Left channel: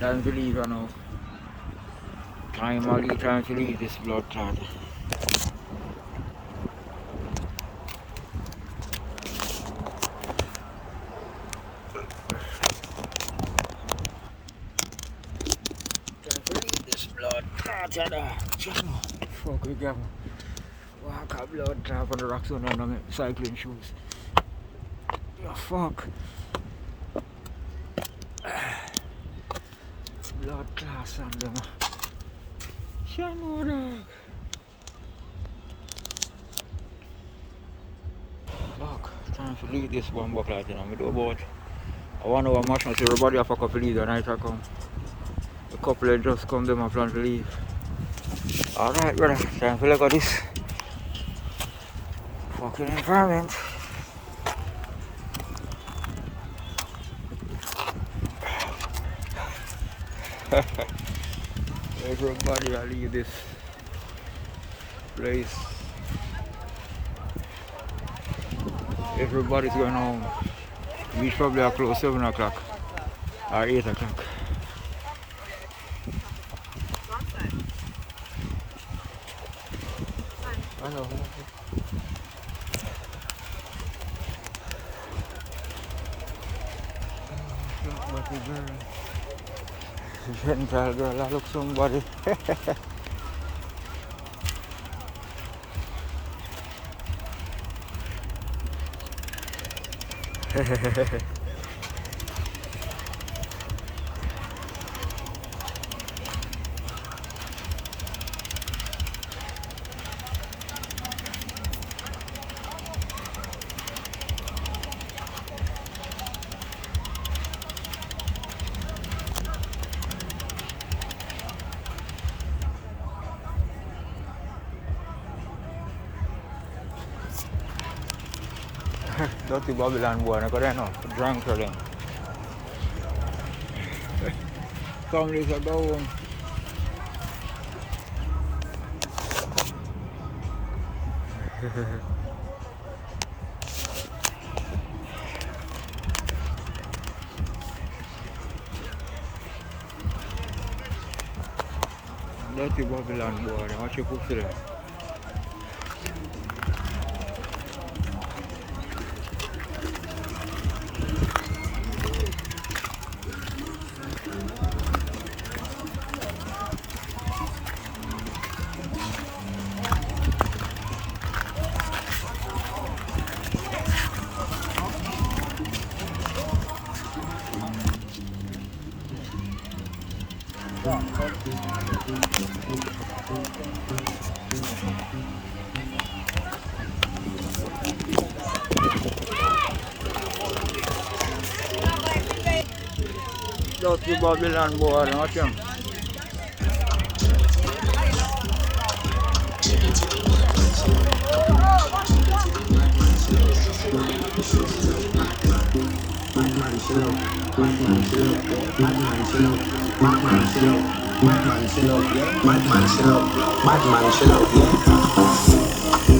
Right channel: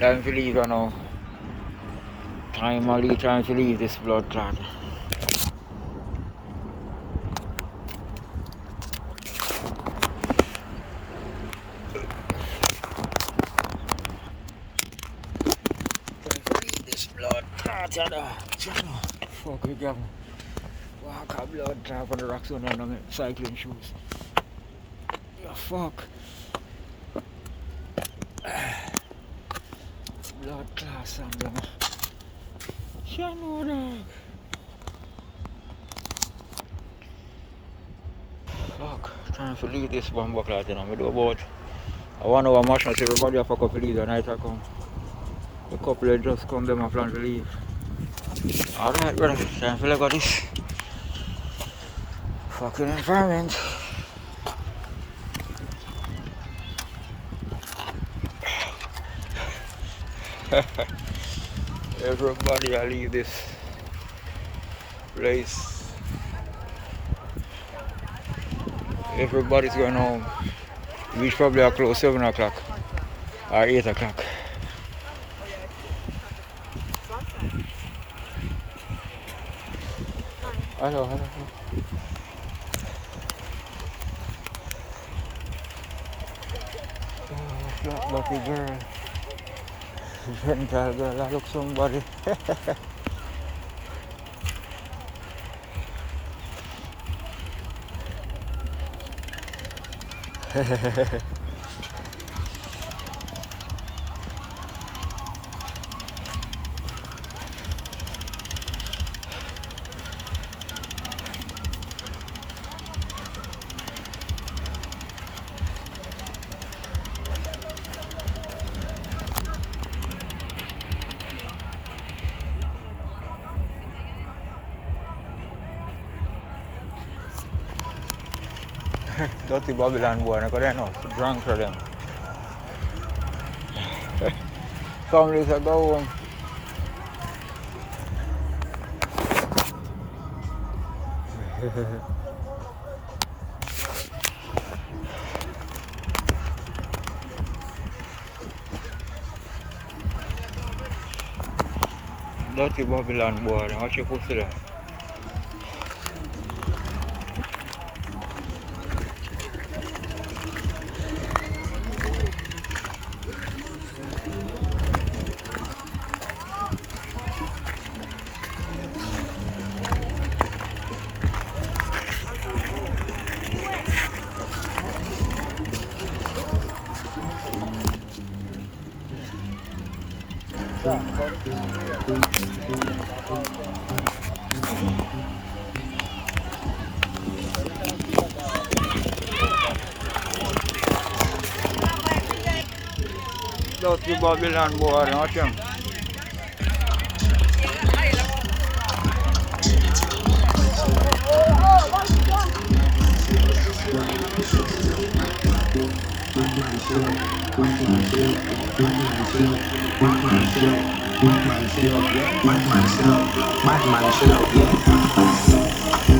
Time to leave, you know. Time to leave this blood clot. Time to leave this blood clot, you know. Fuck with them. Walk a blood clot on the rocks on my cycling shoes. Oh, fuck. Blood clot on them. Shano dog. Fuck. Time to leave this bomb clot, you know. I do about 1 hour much, not everybody have a couple leave the night I come. The couple just come, them and plan to leave. Alright, brother, time to look at this fucking environment. Everybody I leave this place. Everybody's going home. We probably are close 7 o'clock or 8 o'clock. Hello. Oh, flat body girl. Gentle girl, I look somebody. Dirty Babylon boy, I got enough drunk for them. Families are go home. Dirty Babylon boy, what you put to them? Dirty Babylon boy, watch him.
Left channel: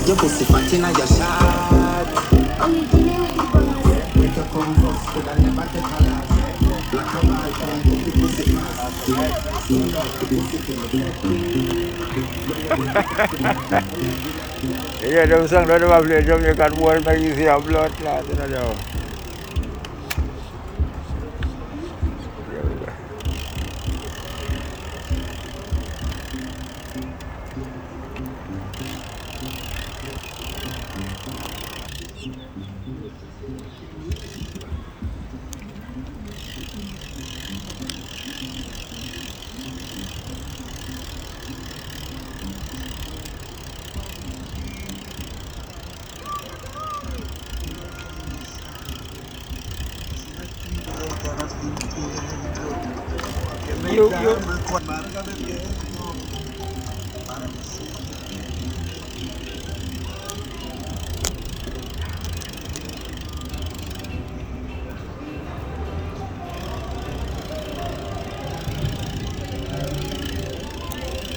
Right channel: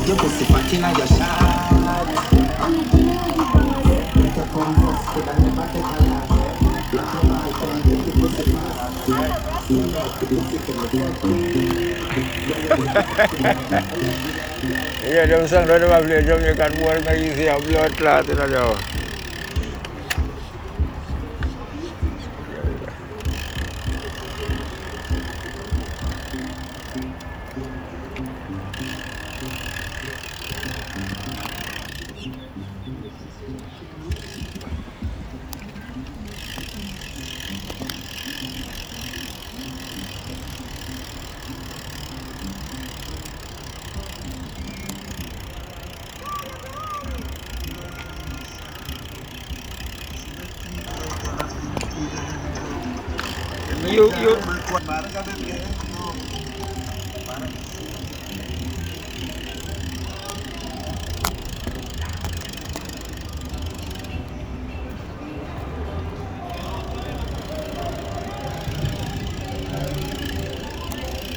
Your pussy fat inna your shot. Make your come first, could I never take a lot. Black and white, come get the pussy fast. See up the pussy from the Yeah, them song that them play Jamaican boy, make you see a blood clot in there. You.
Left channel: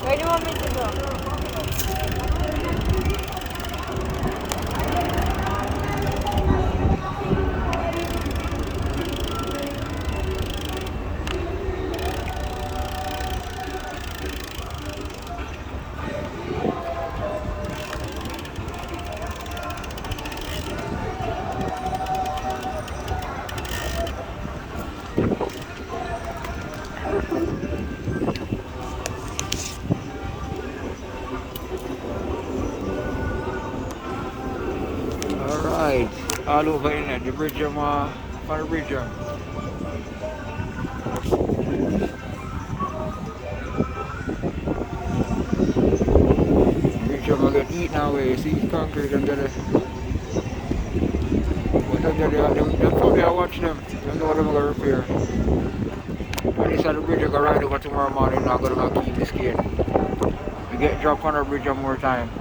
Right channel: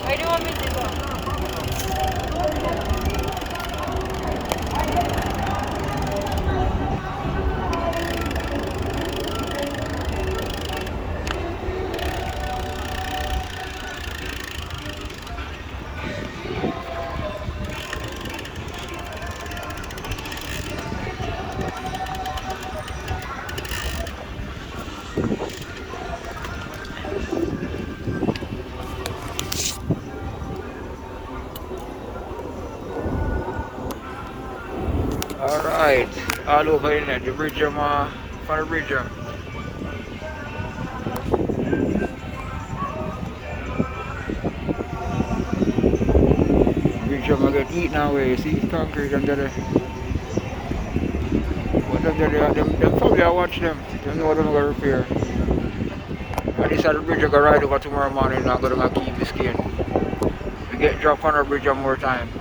Where do you want me to go? Alright, all over Inlet, the bridge from the bridge. Bridge get eaten away, see concrete and get it. But them probably I watch them. They know what I'm gonna repair. At least at the bridge I go ride over tomorrow morning and I'm gonna keep this kid. We get dropped on the bridge one more time.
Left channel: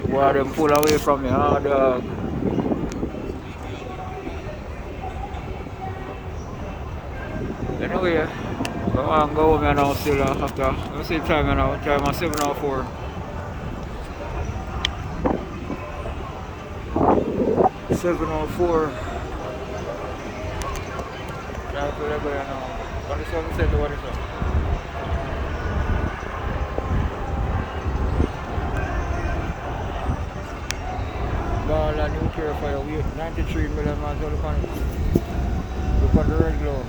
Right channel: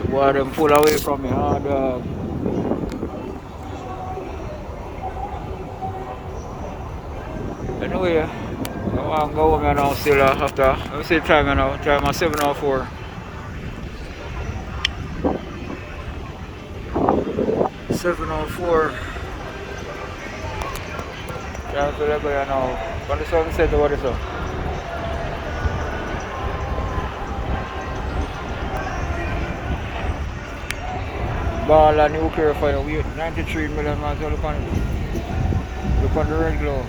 The boy them pull away from me, dog. Anyway, go on, go home now still after. Let me see the time now. Time at 7:04. 7:04. Time to go now. What is sunset? What is up? Ball and nuclear fire. We 93 million miles. Look on it. Look on the red glow.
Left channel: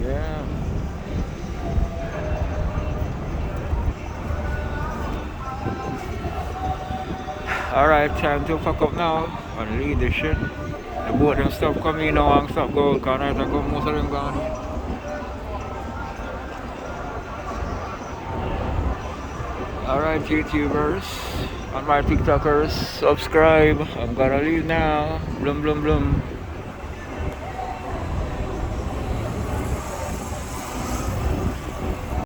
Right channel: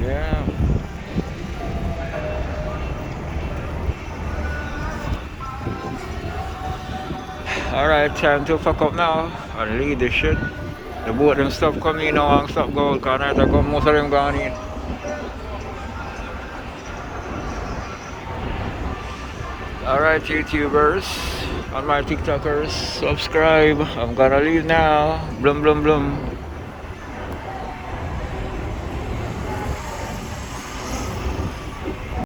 Yeah. Alright, time to fuck up now and leave this shit. The boat them stop coming now and stop going because night I come most of them gone in. Alright YouTubers and my TikTokers, subscribe. I'm gonna leave now. Blum blum blum.